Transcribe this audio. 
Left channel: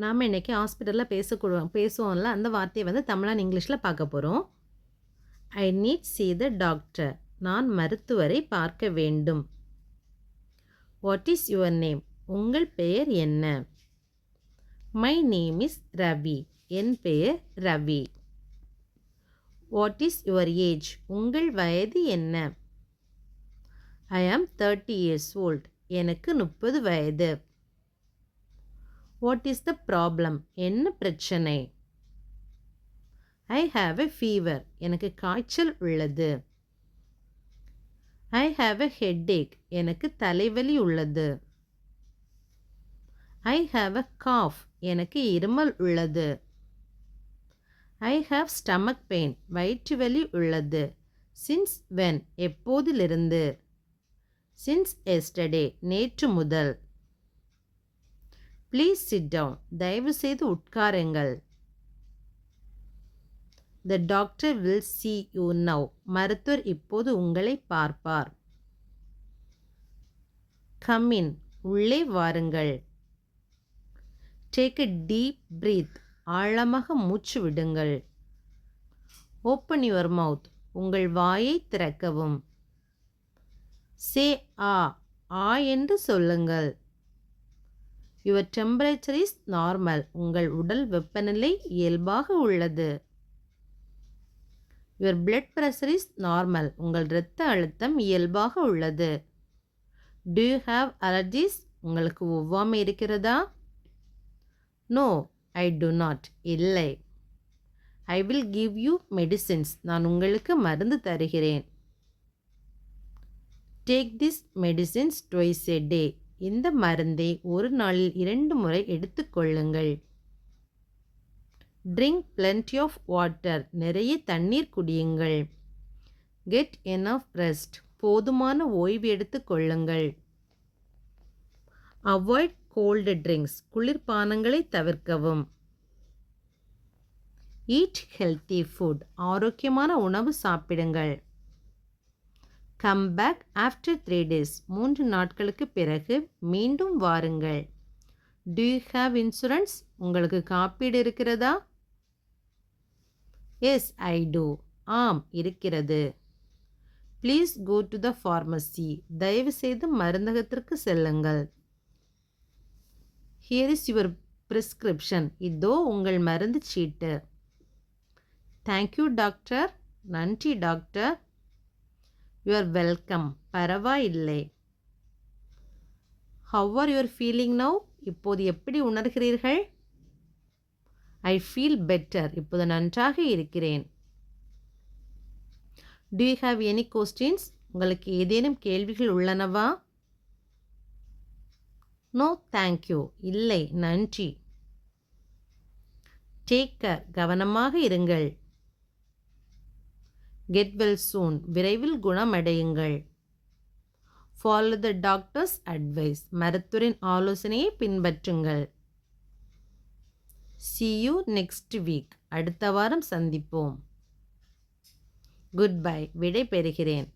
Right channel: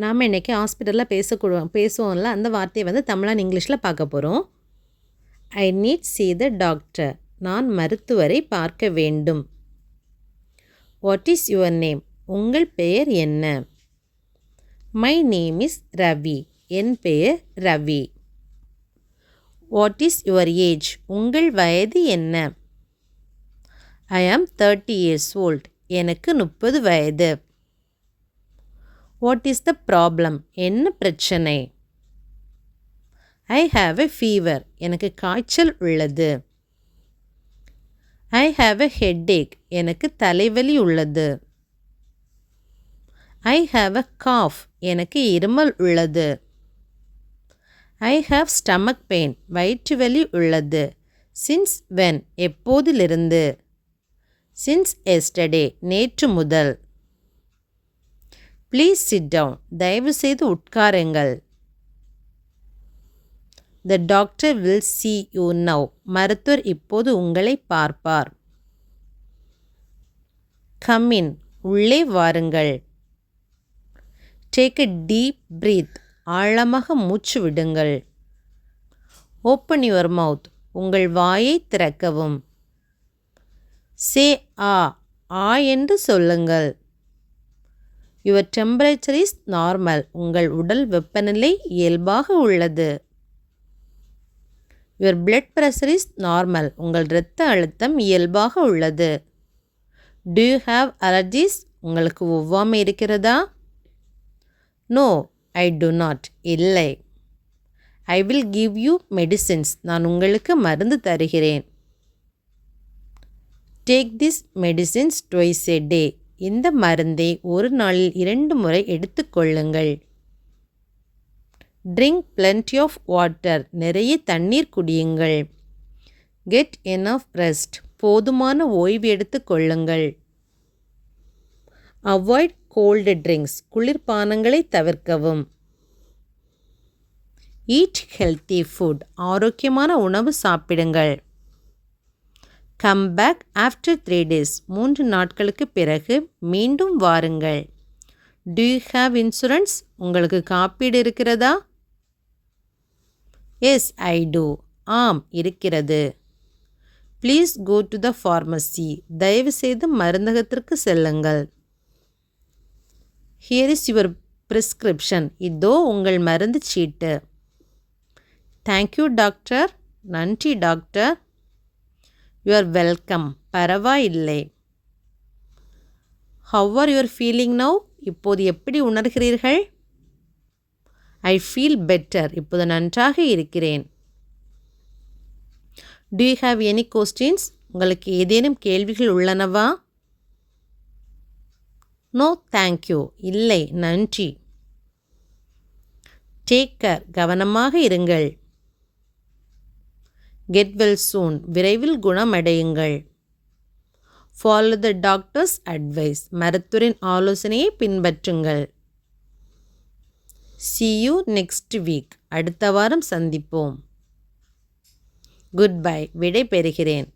நாம் இன்றைக்கி ஹாஸ்பிட்டலில் பேசுவோம்ல, அந்த வார்த்தையை வந்து தமிழ் இங்கிலீஷில் பார்க்க போகிறோம். I need see the doctor. நான் மருத்துவரை பார்க்க வேண்டும். What is your name? உங்கள் பெயர் என்ன? My name is Ravi. என் பெயர் ரவி. What is your age? உங்கள் வயது என்ன? ஐ ஆம் 30 years old. எனக்கு 30 வயது. What is the problem? என்ன பிரச்சனை? I have a fever. எனக்கு காய்ச்சல் உள்ளது. I have a headache. எனக்கு தலைவலி உள்ளது. I have a cough. எனக்கு இருமல் உள்ளது. I have stomach pain. வயிற்று வலி உள்ளது. Since when? எப்போதிலிருந்து? Since yesterday. நேற்று முதல். Please sit down. தயவு செய்து உட்காருங்கள். The doctor will see you now. மருத்துவர் இப்போது உங்களை பார்ப்பார். Come in. உள்ளே வாருங்கள். Take a deep breath. ஆழமாக மூச்சு விடுங்கள். Open your mouth. உங்கள் வாயை திறக்கவும். Say ah. ஆ என்று சொல்லுங்கள். Your temperature is normal. உங்கள் உடல் வெப்பநிலை இயல்பாக உள்ளது. Your blood pressure is normal. உங்கள் இரத்த அழுத்தம் இயல்பாக உள்ளது. Do you have allergies? உங்களுக்கு ஒவ்வாமை இருக்கிறதா? No, I do not. இல்லை. I will give you medicines. நான் உங்களுக்கு மருந்து தருகிறேன். Take this medicines twice a day. இந்த மருந்தை ஒரு நாளில் 2 முறை எடுத்துக்கொள்ளுங்கள். Drink plenty of water. நிறைய தண்ணீர் குடியுங்கள். Get enough rest. போதுமான ஓய்வு எடுத்துக்கொள்ளுங்கள். Avoid gold drinks. குளிர்பானங்களை தவிர்க்கவும். Eat healthy food. ஆரோக்கியமான உணவு சாப்பிடுங்கள். Come back after 3 days. 3 நாட்களுக்கு பிறகு மீண்டும் வாருங்கள். Do you have insurance? உங்களுக்கு காப்பீடு இருக்கிறதா? Yes, I do. ஆம், இருக்கிறது. Please go to the pharmacy. தயவு செய்து மருந்தகத்திற்கு செல்லுங்கள். Here is your prescription. இதோ உங்கள் மருந்து சீட்டு. Thank you doctor. நன்றி டாக்டர். You are welcome. பரவாயில்லை. How are your feeling now? இப்போது எப்படி உணர்கிறீர்கள்? I feel better. இப்போது நன்றாக இருக்கிறேன். Do you have any questions? உங்களுக்கு ஏதேனும் கேள்விகள் உள்ளனவா? No thank you. இல்லை, நன்றி. Take care. கவனமாக இருங்கள். Get well soon. விரைவில் குணமடையுங்கள். Follow the doctor's advice. மருத்துவரின் ஆலோசனையை பின்பற்றுங்கள். see you next week. அடுத்த வாரம் சந்திப்போம். Good bye. விடை பெறுகிறேன்.